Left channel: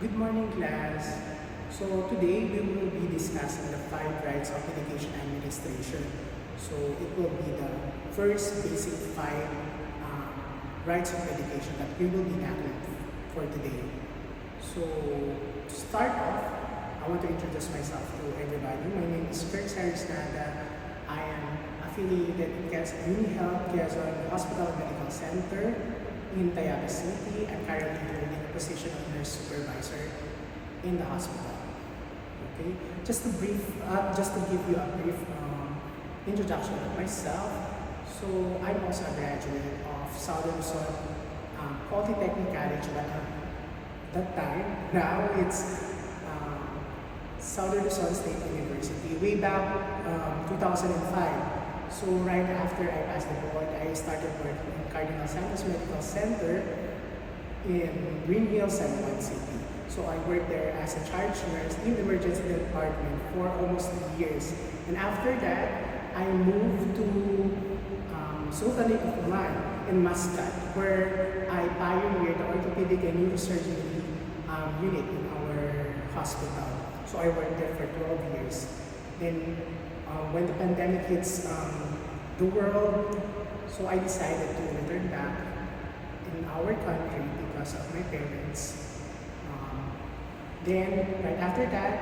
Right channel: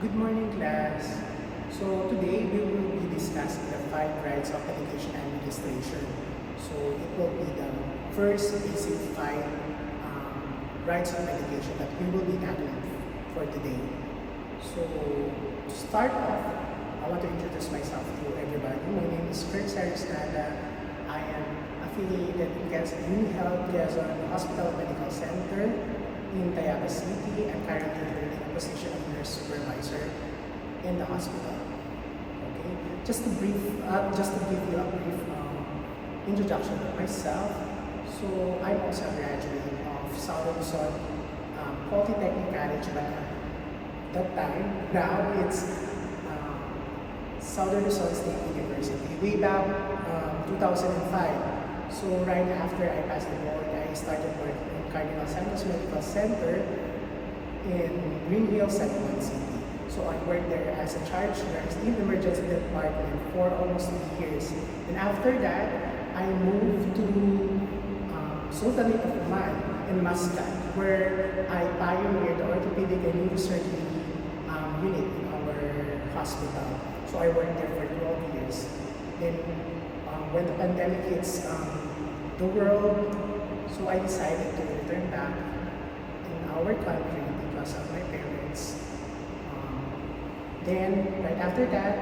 Good morning, class. So today we will be discussing the five rights of medication administration. So it will be the first basic five rights of medication that we will be tackling for today. So to start off, I want to introduce myself to everybody. My name is Kurt Sarisnada. I am affiliated with UniHealth Quezon Hospital and Medical Center in Tayaba City. I'm currently holding a position of nurse supervisor in the hospital. Okay, just to give you a brief introduction of myself. So I'm also a graduate of Southern Luzon Polytechnic College by that time. Now it's Southern Luzon State University. Way back 2005. So right after I passed the board, I started working in Cardinal Santos Medical Center in Greenville, San Juan City. So I worked there as a charge nurse in the emergency department for almost 3 years. And after that, I moved to Sultanate of Oman in Muscat, where I pioneered the orthopedic and neurosurgery unit in our hospital. So I worked there for 12 years. Then when the pandemic hits the world, so I decided to return back in our country because of my parents. Then, right after that,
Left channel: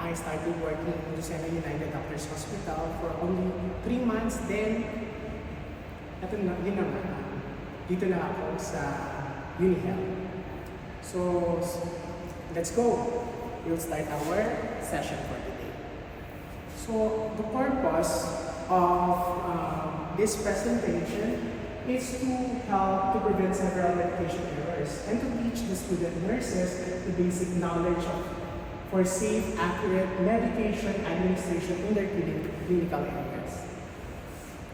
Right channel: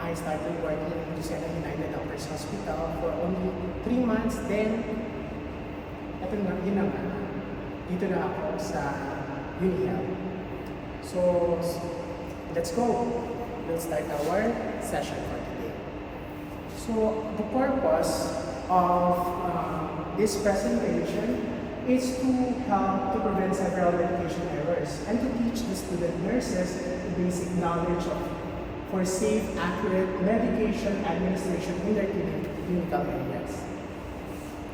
I started working in Lucena United Doctors Hospital for only 3 months. Then, yun na nga, dito na ako sa UniHealth. So, let's go. We'll start our session for today. So, the purpose of this presentation is to help to prevent several medication errors and to teach the student nurses the basic knowledge for safe, accurate medication administration in their clinical areas.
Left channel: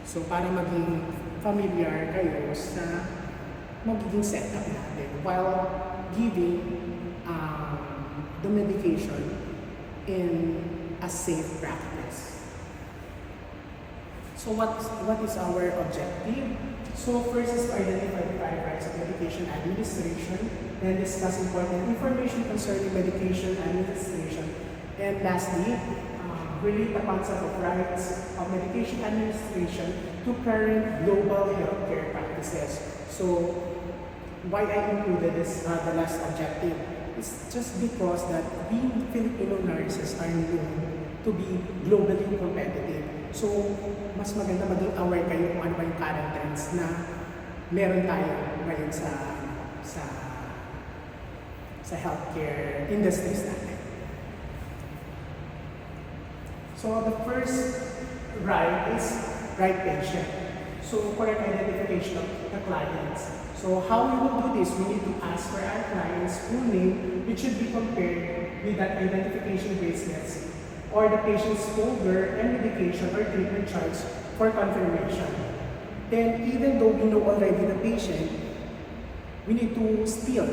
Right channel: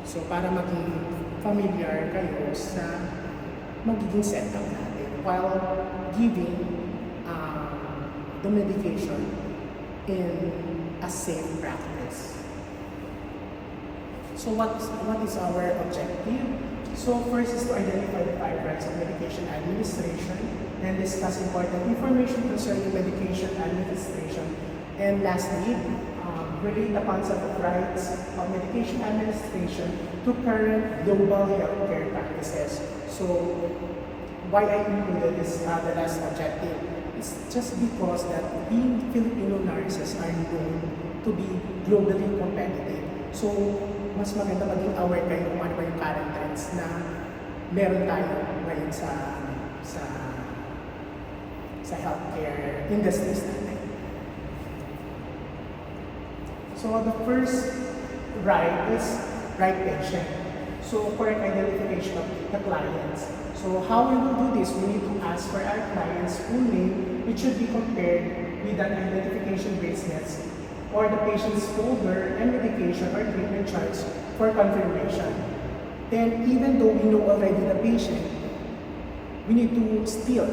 So, para maging familiar kayo sa magiging setup natin while giving the medication in a safe practice. So what is our objective? So first is to identify the five rights of medication administration, then discuss important information concerning medication administration, and lastly, relate the concept of rights of medication administration to current global healthcare practices. So why I included this, the last objective, it's just because that the Filipino nurses are known to be globally competitive. So, mas maganda maging aware kayo kung ano ba yung current trends na meron tayo ngayon sa healthcare industries natin. So, the first right is right patient. So, correct identification of the clients. So, how we will do this, we need to ask for our client's full name, which should be compared with an identification bracelets or the patient's folder and medication or treatment charts for confirmation. Then, even though we know already the patient, we need to still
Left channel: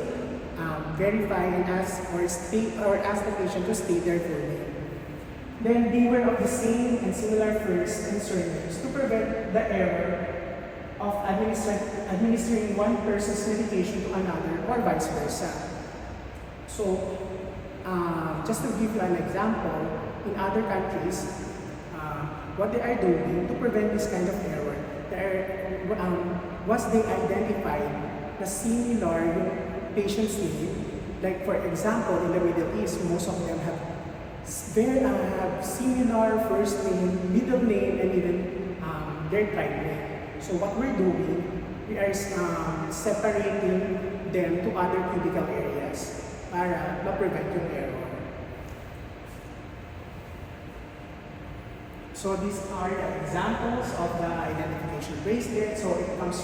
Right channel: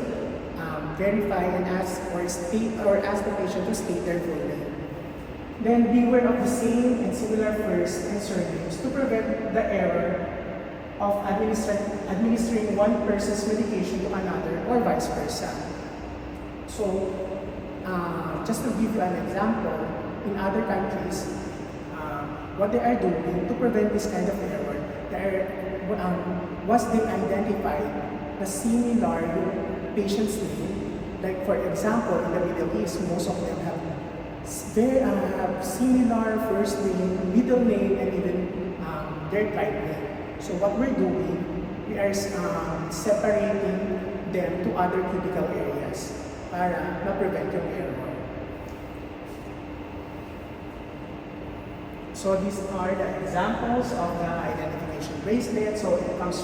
verify and ask the patient to state their full name. Then, beware of the same and similar first and surnames to prevent the error of administering one person's medication to another or vice versa. So, just to give you an example, in other countries, what they are doing to prevent this kind of error, once they identify the similar patient's name, like for example, in the Middle East, most of them have similar first name, middle name, and even their tribe name. So what we're doing, we are separating them to other critical areas para ma-prevent yung error. So these are the examples of the identification bracelet. So it comes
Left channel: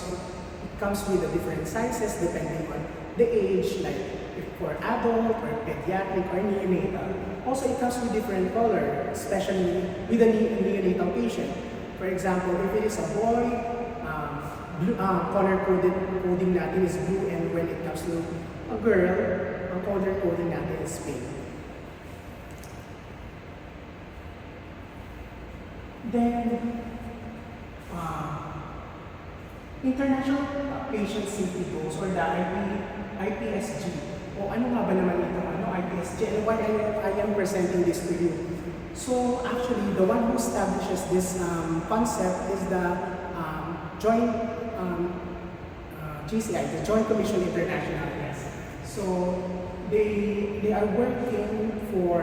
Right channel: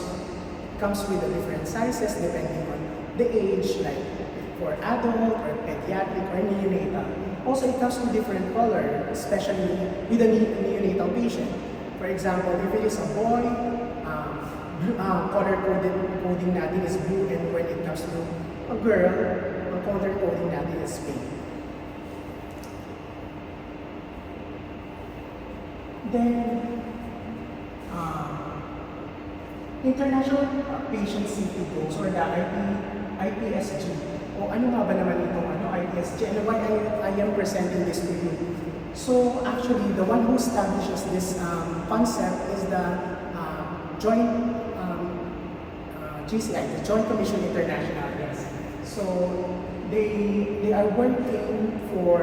with the different sizes depending on the age, like if for adult or pediatric or neonatal. Also, it comes with different color, especially with a neonatal patient. For example, if it is a boy, color coding natin is blue, and when it comes to a girl, ang color coding natin is pink. Then, International Patient Safety Goals, or the IPSG, kung ano nga ba naman itong IDSG and why I am presenting this to you. So actually, the one who establishes this concept is the joint JCI, the Joint Commission International. Yes. So they are working for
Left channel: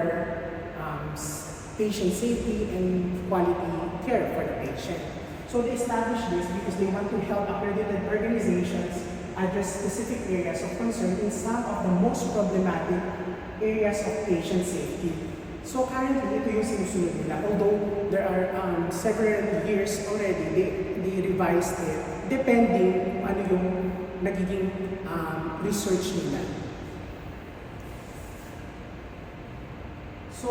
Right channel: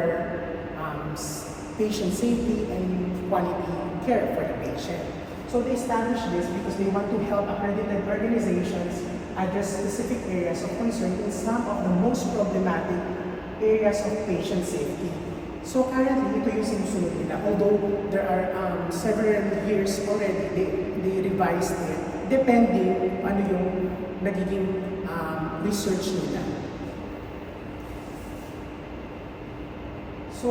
patient safety and quality care for the patient. So they established this because they want to help accredited organizations address specific areas of concern in some of the most problematic areas of patient safety. So currently, ito yung sinusunod nila. Although there are several years already, they revised it depending ano yung nagiging research nila. So,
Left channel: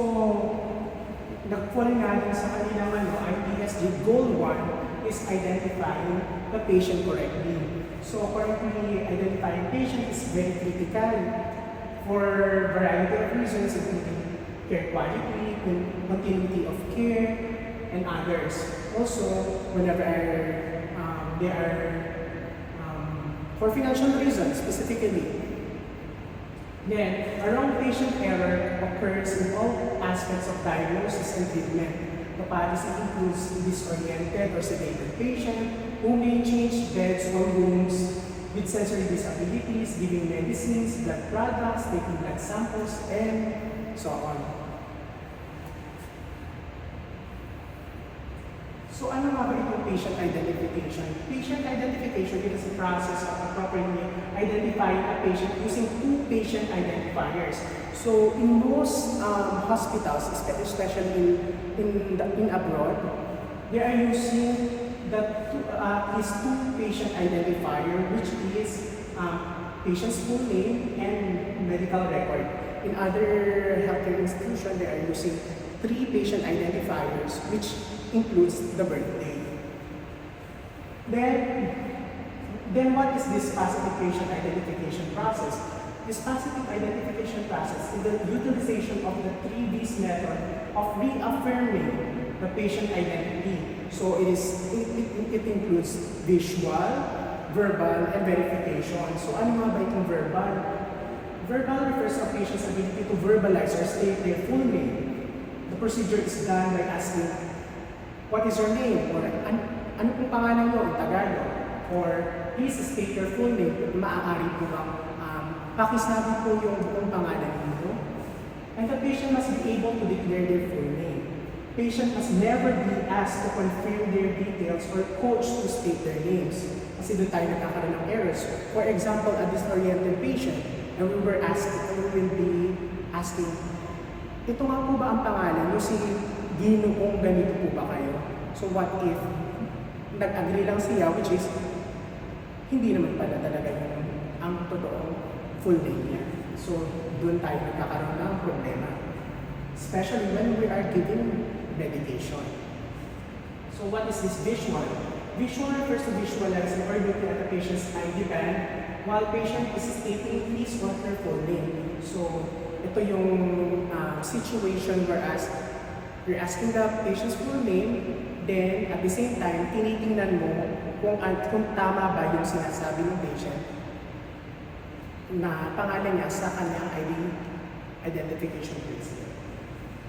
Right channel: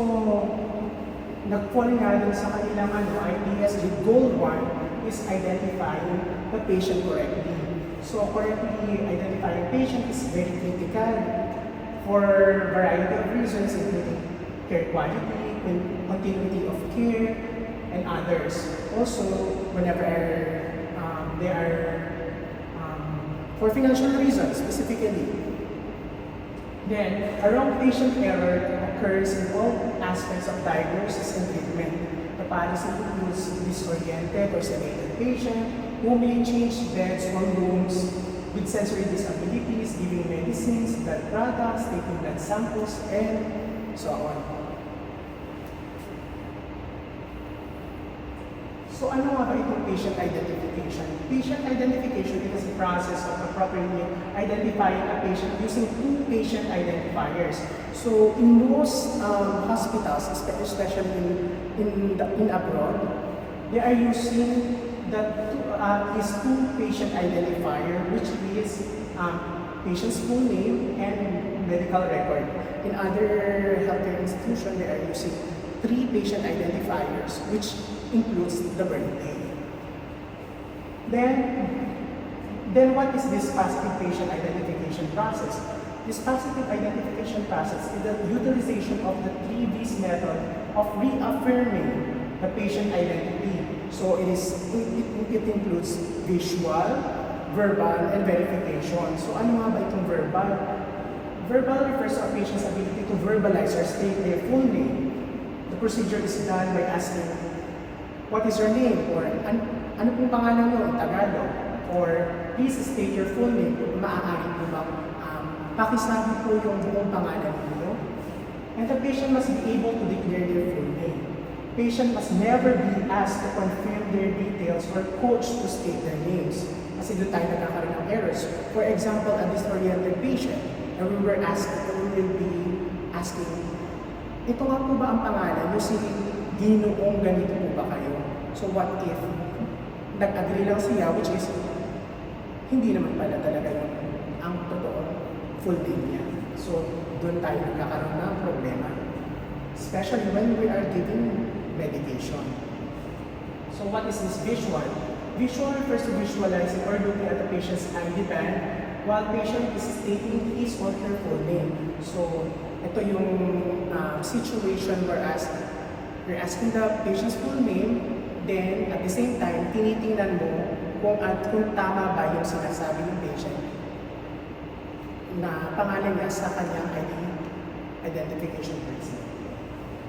nag-fall nga din sa kanilang IDSG Goal 1 is identifying the patient correctly. So, correctly identifying patient is very critical for a variety of reasons, including care quality, continuity of care, and others. Also, whenever they are for financial reasons specifically. Then, a wrong patient error occurs in all aspects of diagnosis and treatment. The policy includes disoriented or sedated patient who may change beds or rooms with sensory disabilities, giving medicines, blood products, taking blood samples, and so on. So ano nga ba itong patient identification? Patient identification is a process of appropriately identifying a patient using two patient identifiers. So in most hospitals, especially in abroad, they are using this two patient identifier, which is patient's full name and medical record. In other healthcare institutions, they are using three patient identifiers, which includes the birthday. Then what is this positive patient identification process? This positive identification process is the utilization of the 3V's method of reaffirming the patient identity. So it includes visual, verbal, and verification. So ano nga ba itong verbal? Verbal refers to a patient's ability to verbalize or state their full name. The procedure is done by asking, what is your name? Or ano pong pangalan nyo in Tagalog? Or please state your full name. Maaari po bang pakisabi po yung buong pangalan ninyo? And the patient must be able to declare their full name. Patient must never be asked to confirm their details or coached to state their names. Kasi doon tayo nagkakaroon ng errors. For example, a disoriented patient, and we will be asking, ito nga po ba ang pangalan nyo? Si Ginoong ganito po ba kayo? So what if nag-agree lang siya, which is hindi naman pala talaga yung ang totoong full name niya. So doon tayo nagkakaroon ng problema. Especially when we are giving medication. So what is this visual? Visual refers to visualizing or looking at the patient's ID band while patient is stating his or her full name. So ito yung situation whereas you're asking the patient's full name, then at the same time, tinitingnan mo kung tama ba yung sinasabi ng patient na pangalan niya sa kanyang identification bracelet.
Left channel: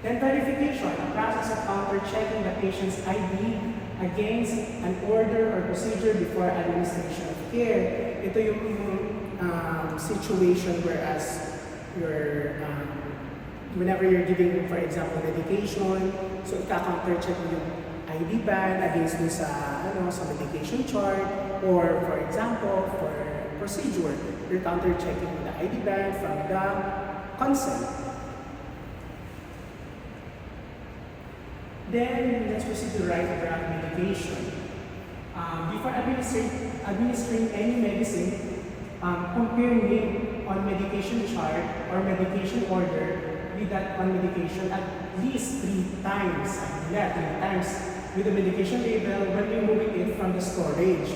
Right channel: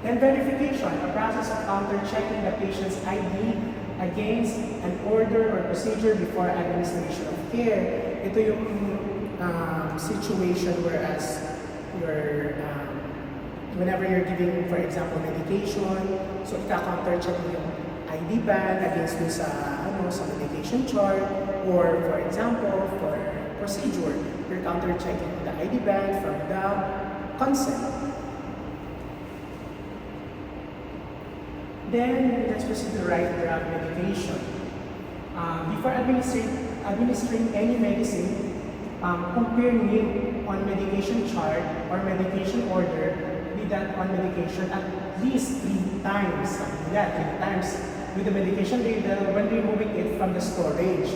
Then verification, a process of counter-checking the patient's ID against an order or procedure before administration of care. Ito yung situation whereas whenever you're giving, for example, medication, so ika-counter-check yung ID band against dun sa medication chart, or for example, for procedure, you're counter-checking the ID band from the consent. Then, let's proceed to the right drug medication. Before administering any medicine, compare name on medication chart or medication order with that on medication at least 3 times. 3 times with the medication label when removing it from the storage.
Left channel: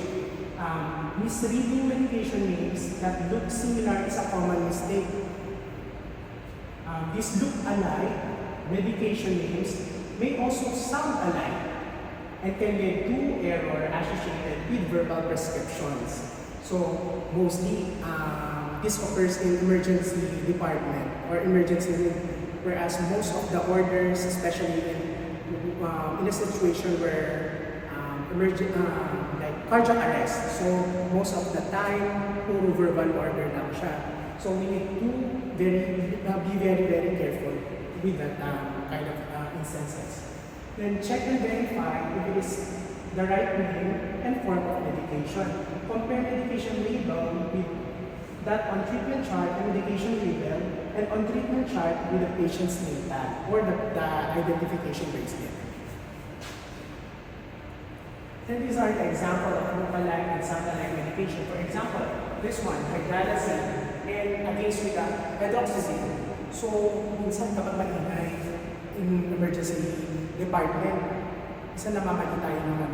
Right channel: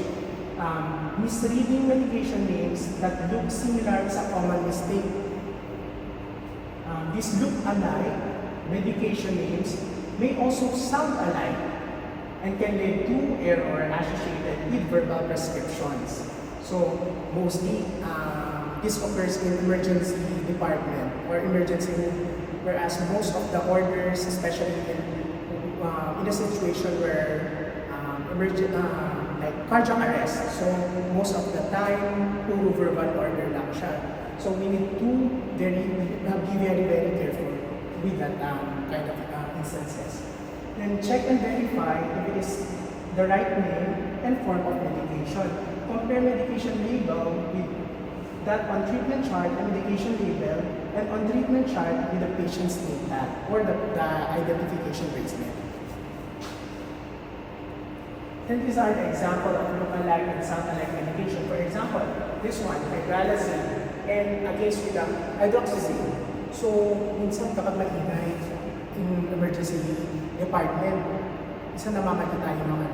Misreading medication names that look similar is a common mistake. These look alike medication names may also sound alike and can lead to error associated with verbal prescriptions. So, mostly, this occurs in emergency department or emergency room, whereas most of the orders, especially in a situation where like cardiac arrest, so most of the time, puro verbal order lang siya. So we need to be very careful with that kind of instances. Then check and verify if it is the right name and form of medication. Compare medication label with that on treatment chart and medication label and on treatment chart with the patient's name tag or the identification bracelet. And these are the example of look-alike and sound-alike medication. For example, this one, hydralazine, and against with the hydroxyzine. So, minsan kapag maingay in emergency department, minsan namamali tayo ng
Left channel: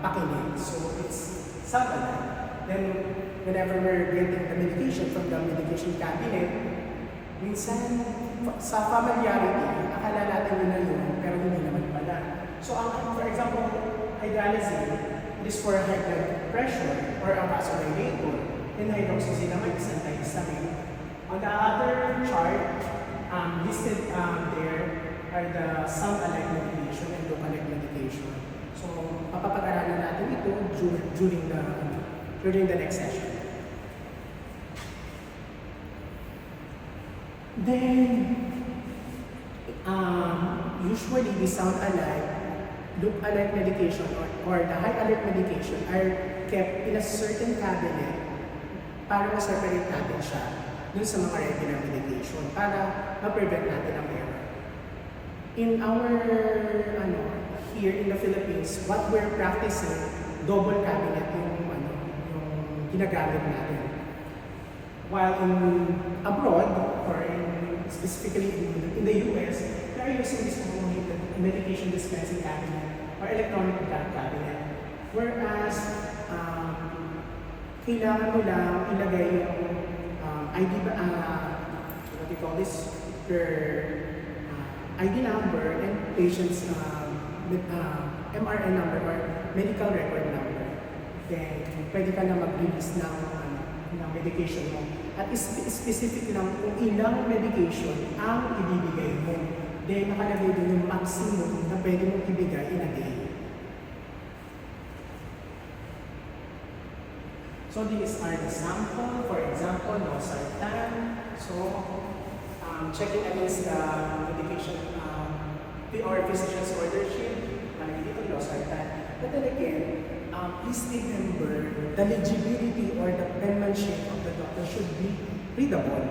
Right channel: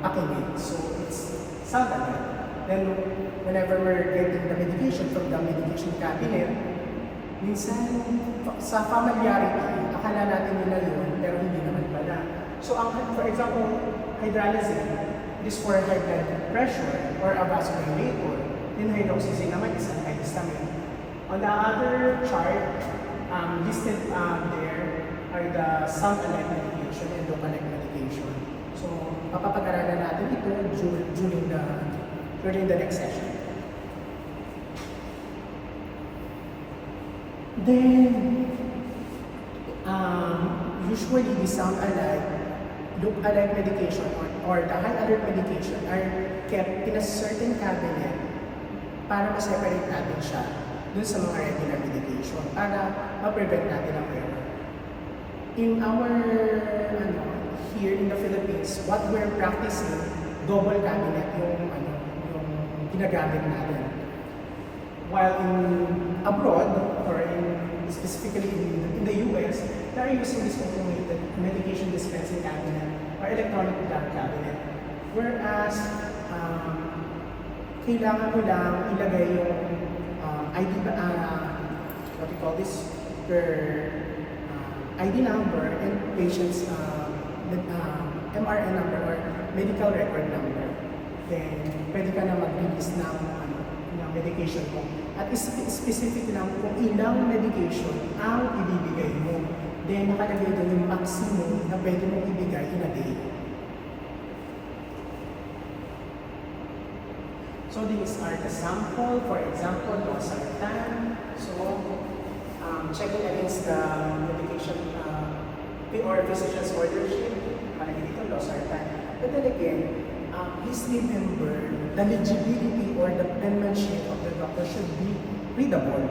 pakinig. So, it's sound-alike. Then, whenever we're getting the medication from the medication cabinet, minsan sa familiarity, akala natin yun na yun, pero hindi naman pala. So, for example, hydralazine, it is for high blood pressure or a vasodilator. Then hydroxyzine naman is antihistamine. On the other chart, listed there are the sound-alike medication and look-alike medication. So, papapag-aralan natin ito during the next session. Then, usually the sound-alike, look-alike medication or the high-alert medication are kept in a certain cabinet para ma-separate natin siya dun sa mga regular medication para ma-prevent natin ang error. In our, here in the Philippines, what we're practicing, double cabinet yung ginagamit natin. While in abroad, or specifically in the US, they are using this automated medication dispensing cabinet or electronic drug cabinet. Whereas, kailangan mo lang ilagay yung ID, what do you call this, per ID number and patient's MRN number or medical record number. Then, pwede ka na mag-release ng medication mo. At specific lang kung ilang medication ang ibibigay mo. Then, nakalagay doon yung maximum na pwede mong ibigay in a day. So, these are the sample. For example, losartan. So, checking against the medication or physician's order sheet, malagay dito losartan. But then again, please remember the legibility or the penmanship of the doctor should be readable.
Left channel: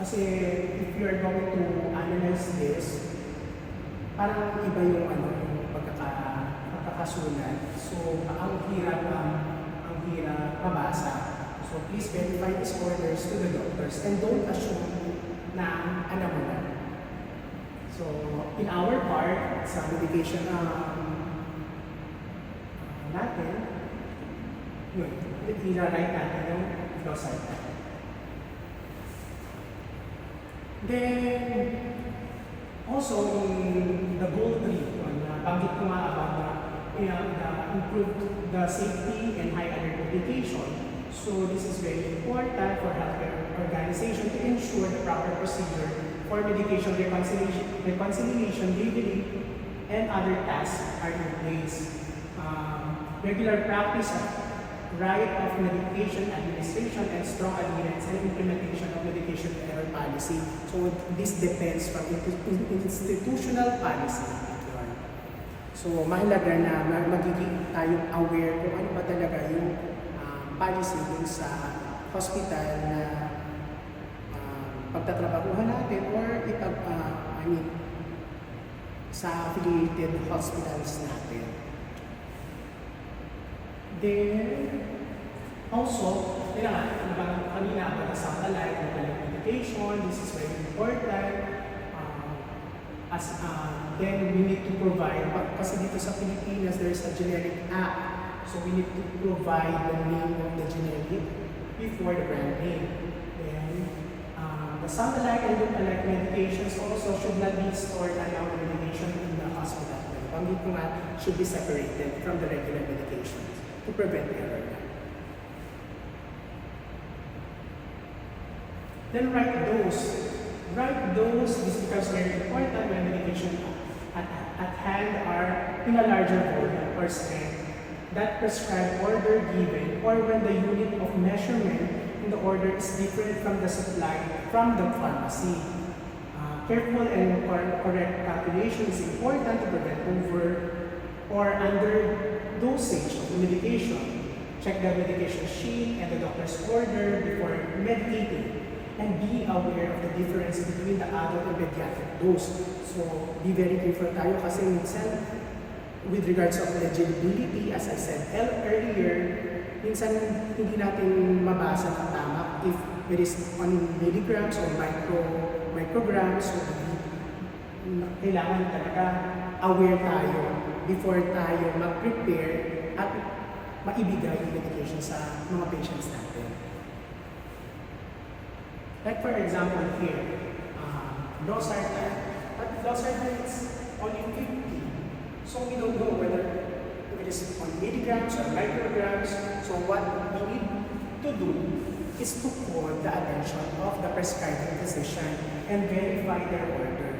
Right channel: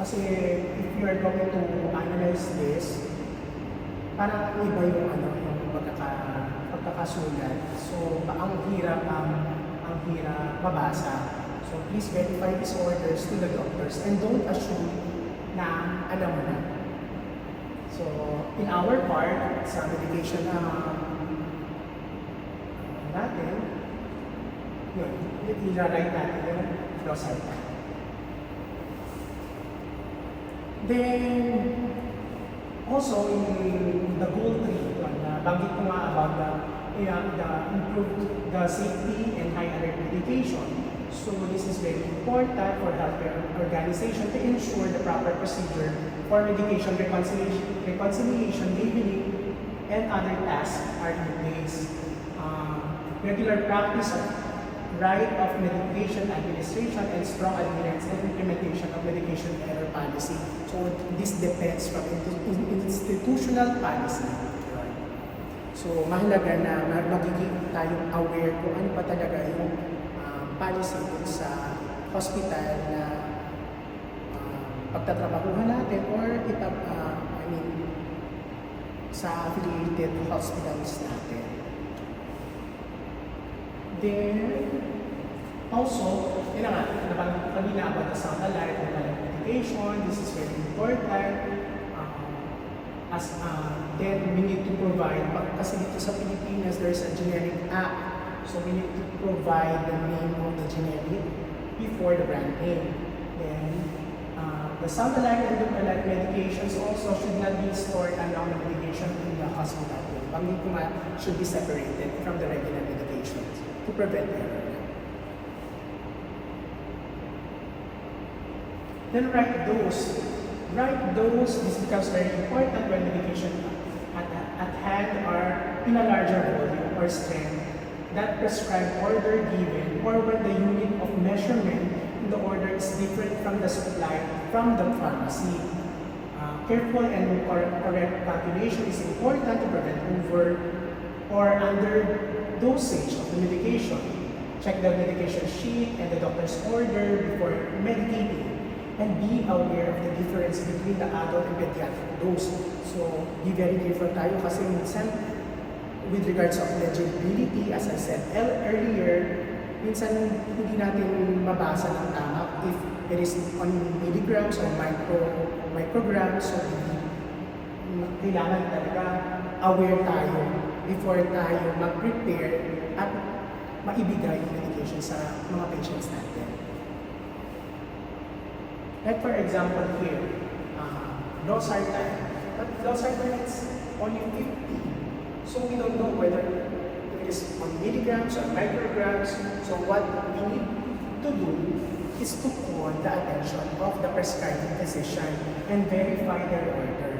Kasi if you are going to analyze this, parang iba yung yung pagkakasulat. So, ang hirap mabasa. So, please verify these orders to the doctors and don't assume na alam mo na. So, in our part, sa medication natin, yun, ilalagay natin yung losartan. Then, also in the goal 3, banggit ko nga about the safety and high alert medication. So this is very important for healthcare organization to ensure the proper procedure for medication reconciliation, labeling, and other tasks are in place. Regular practice of right of medication administration and strong adherence and implementation of medication error policy. So this depends from institutional policy. So mahalaga na magiging tayong aware kung ano pa talaga yung policy dun sa hospital na pagtatrabahuhan natin or sa affiliated hospitals natin. Then, also, kanina about the sound-alike medication, this is very important. Then we need to provide, kasi dito sa Pilipinas, there's a generic act. So we need to provide the name of the generic before the brand name. Then, the sound-alike and look-alike medications also should not be stored along the medication in the hospital. Banggit ko nga, should be separated from the regular medications to prevent error. Then write dose. Write dose. This becomes very important when medication at hand are in a larger volume or strength that prescribed order given, or when the unit of measurement in the order is different from the supply from the pharmacy. Careful and correct calculation is important to prevent over or under dosage of the medication. Check the medication sheet and the doctor's order before medicating, and be aware of the difference between the adult and pediatric dose. So, be very careful tayo kasi minsan with regards of legibility, as I said earlier, minsan hindi natin mabasa ng tama if it is on milligrams or micrograms. So, kailangan talaga aware tayo before tayo mag-prepare at maibigay yung medication sa mga patients natin. Like for example here, losartan. But losartan is only 50. So we don't know whether it is on milligrams or micrograms. So what we need to do is to call the attention of the prescribing physician and verify their order.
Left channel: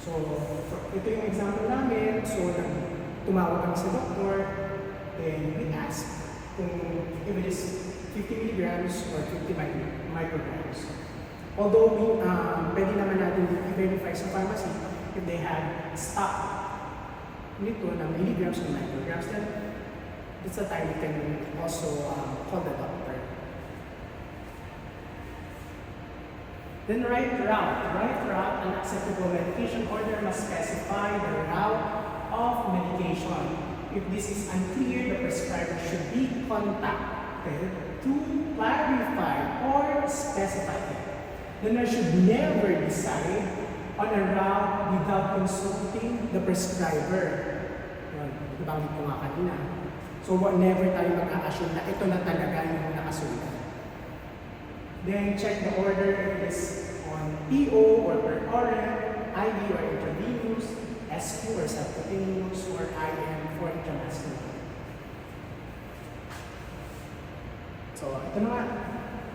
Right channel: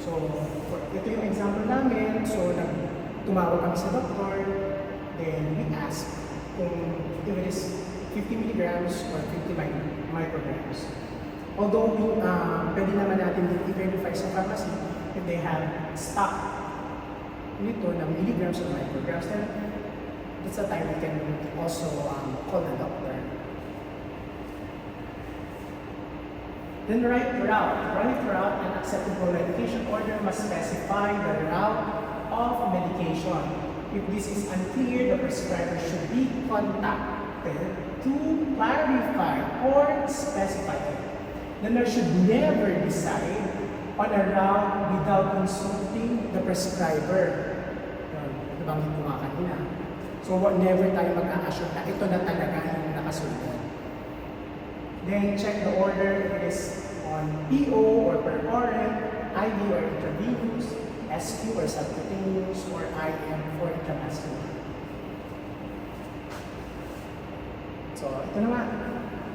So ito yung example namin. So tumawag kami sa doktor, then we ask kung if it is 50 milligrams or 50 micrograms. Although pwede naman natin i-verify sa pharmacy if they have stock nito ng milligrams or micrograms, then that's the time we can also call the doctor. Then right route, an acceptable medication order must specify the route of medication. If this is unclear, the prescriber should be contacted to clarify or specify it. The nurse should never decide on a route without consulting the prescriber. Nabanggit ko nga kanina. So never tayo mag-a-assume na ito na talaga yung nakasunod. Then check the order if it is on PO or per oral, IV or intravenous, SQ or subcutaneous, or IM for intramuscular. So ito na nga.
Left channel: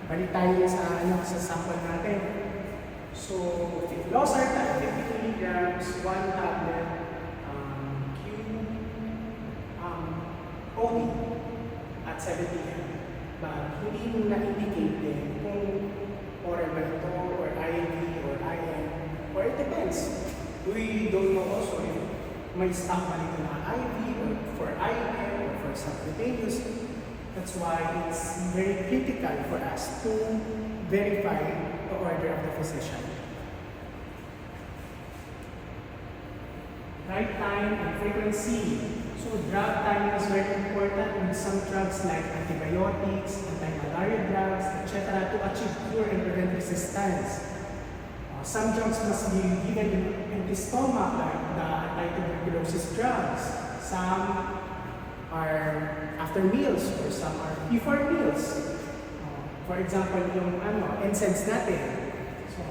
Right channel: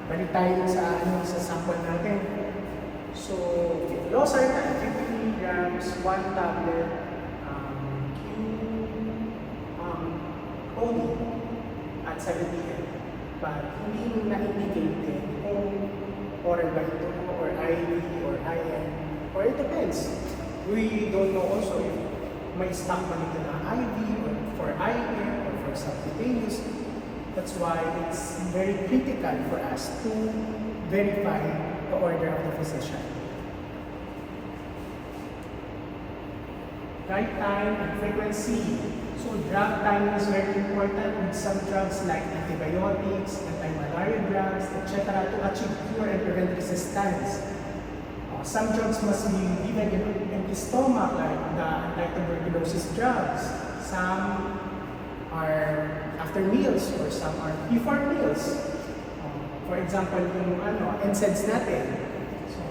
Balik tayo sa sample natin. So, losartan, 50 milligrams, 1 tablet, OD at 7 p.m. But hindi na-indicate din kung oral ba ito, or IV, or IM, or it depends. We don't know also if may stock pa dito na IV, or for IM, or for subcutaneous. That's why it's very critical for us to verify the order of the physician. Right time and frequency. So drug timing is very important in some drugs like antibiotics, anti-malaria drugs, etc. to achieve cure and prevent resistance. Some drugs must be given in the stomach like tuberculosis drugs. Some are after meals or some are before meals. For example, yung NSAIDs natin. So,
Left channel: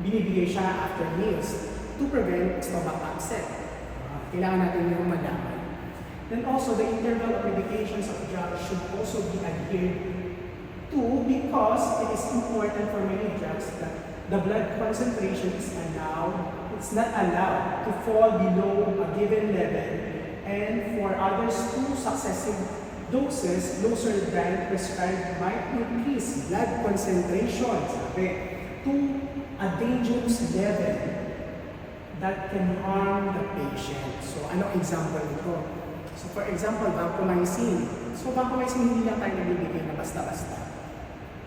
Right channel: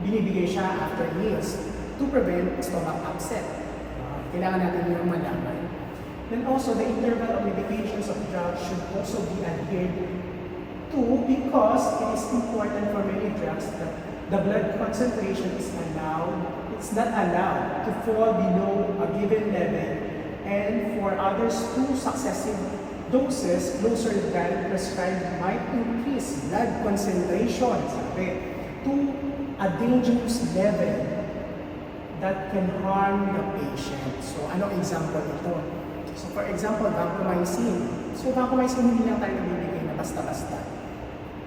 binibigay siya after meals to prevent stomach upset. Kailangan natin yung malaman. Then also, the interval of medications of drugs should also be adhered to because it is important for many drugs that the blood concentration is it's not allowed to fall below a given level, and for others, 2 successive doses closer than prescribed might increase blood concentration, to a dangerous level that can harm the patient. So, ano example nito? So, for example, vancomycin. So, vancomycin hindi lang tayo nagbibigay na basta-basta.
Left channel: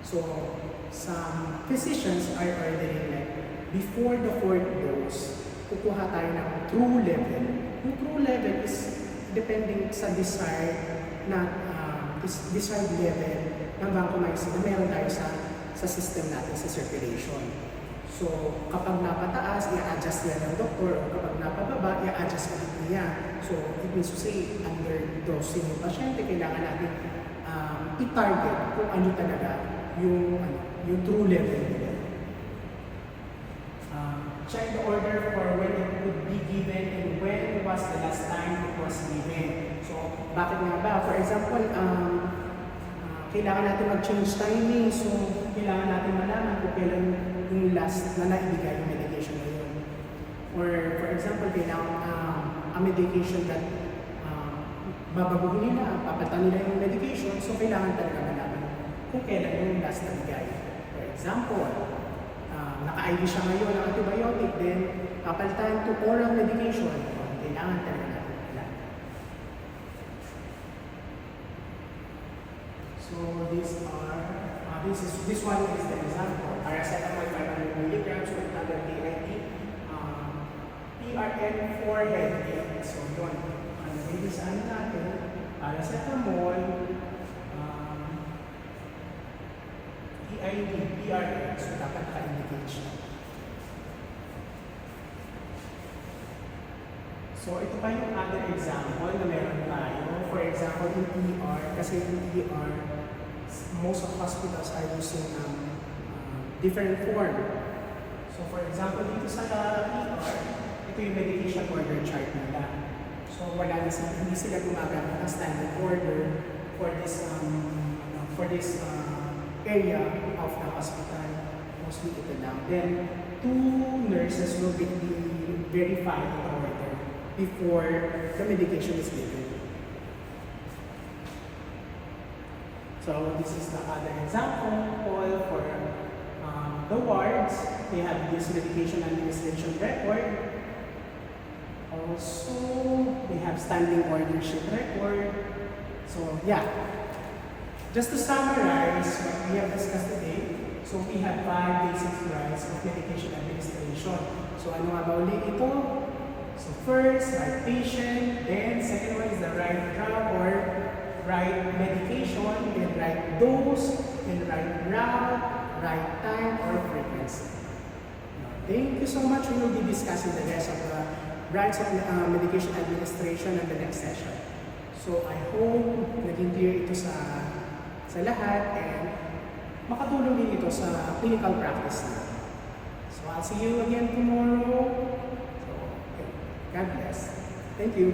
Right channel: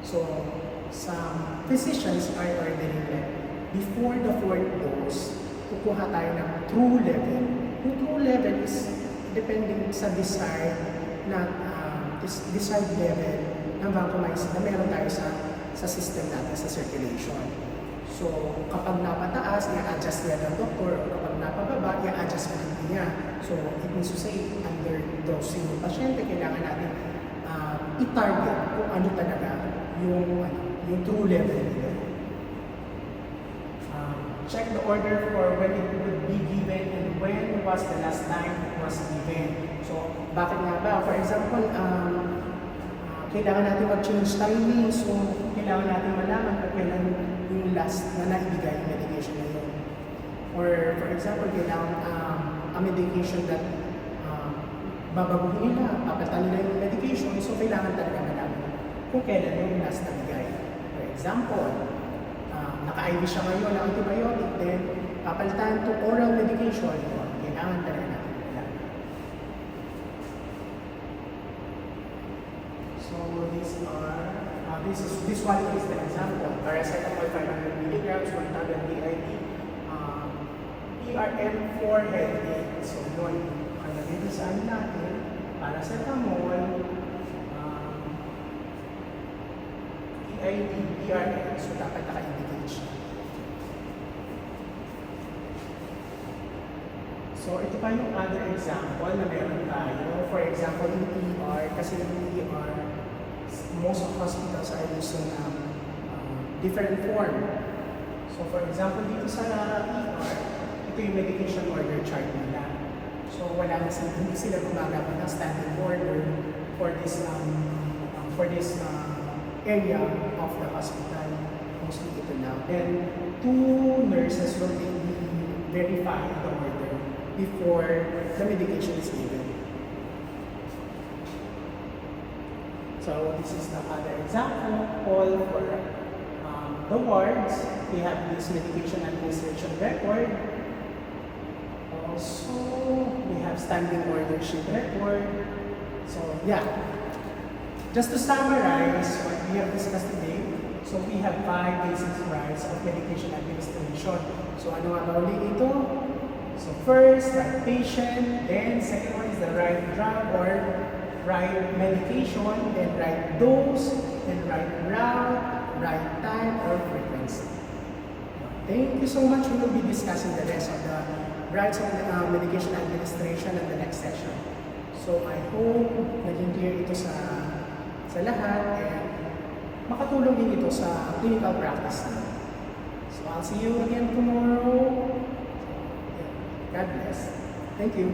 So, some physicians are ordering like before the 4th dose, kukuha tayo ng true level. Yung true level is depending sa desired level ng vancomycin na meron tayo sa system natin, sa circulation. So, kapag napataas, i-adjust niya ng doktor, o kapag napababa, i-adjust niya. So, it means to say, under dosing ng pasyente, kailangan natin i-target kung ano talaga yung true level nila. Check the order for when it would be given and when was the last time it was given. So, bakit nga ba? For example, kailangan natin mag-change timing. So, kailangan natin malaman kung kailan yung last na naibigay yung medication na yun. Or, for example, kailangan a medication that babaguhin nila, papalitan nila yung medication. So, kailangan talaga malaman kung kailan yung last na bigay. For example, naka-IV siya ngayon ng antibiotic, then papalitan to oral medication. Kailangan talaga natin malaman. So, this one is the example. Paracetamol 500 milligrams, 1,000 PID, PRM for headache. So, yun. Ang nagiging sa ano natin, paracetamol, PID, PRM. So, dapat naka-indicate siya. So, ito pa yung other example na meron tayo. For example, in ER, kasi in ER, most of hospitals are using different form. So, for example, dito sa ER, ito yung medication order chart nila. So, hindi sila gumagamit ng standard order for this area of the hospital. Mostly ito lang. Then, 2 nurses will be verified the order before the medication is given. So this is the other example for the wards. They have this medication administration record. Also, we have standing order sheet record. So yeah, just to summarize what we have discussed today. So we have 5 basic rights of medication administration. So ano nga ba ulit ito? So first, right patient, then second one is the right drug or right medication, then right dose, then right route, right time or frequency. Thank you so much. We will be discussing the rest of the rights of medication administration in the next session. So I hope naging clear ito sa lahat and makatulong din ito sa clinical practice na. So I'll see you again tomorrow. God bless. Thank you.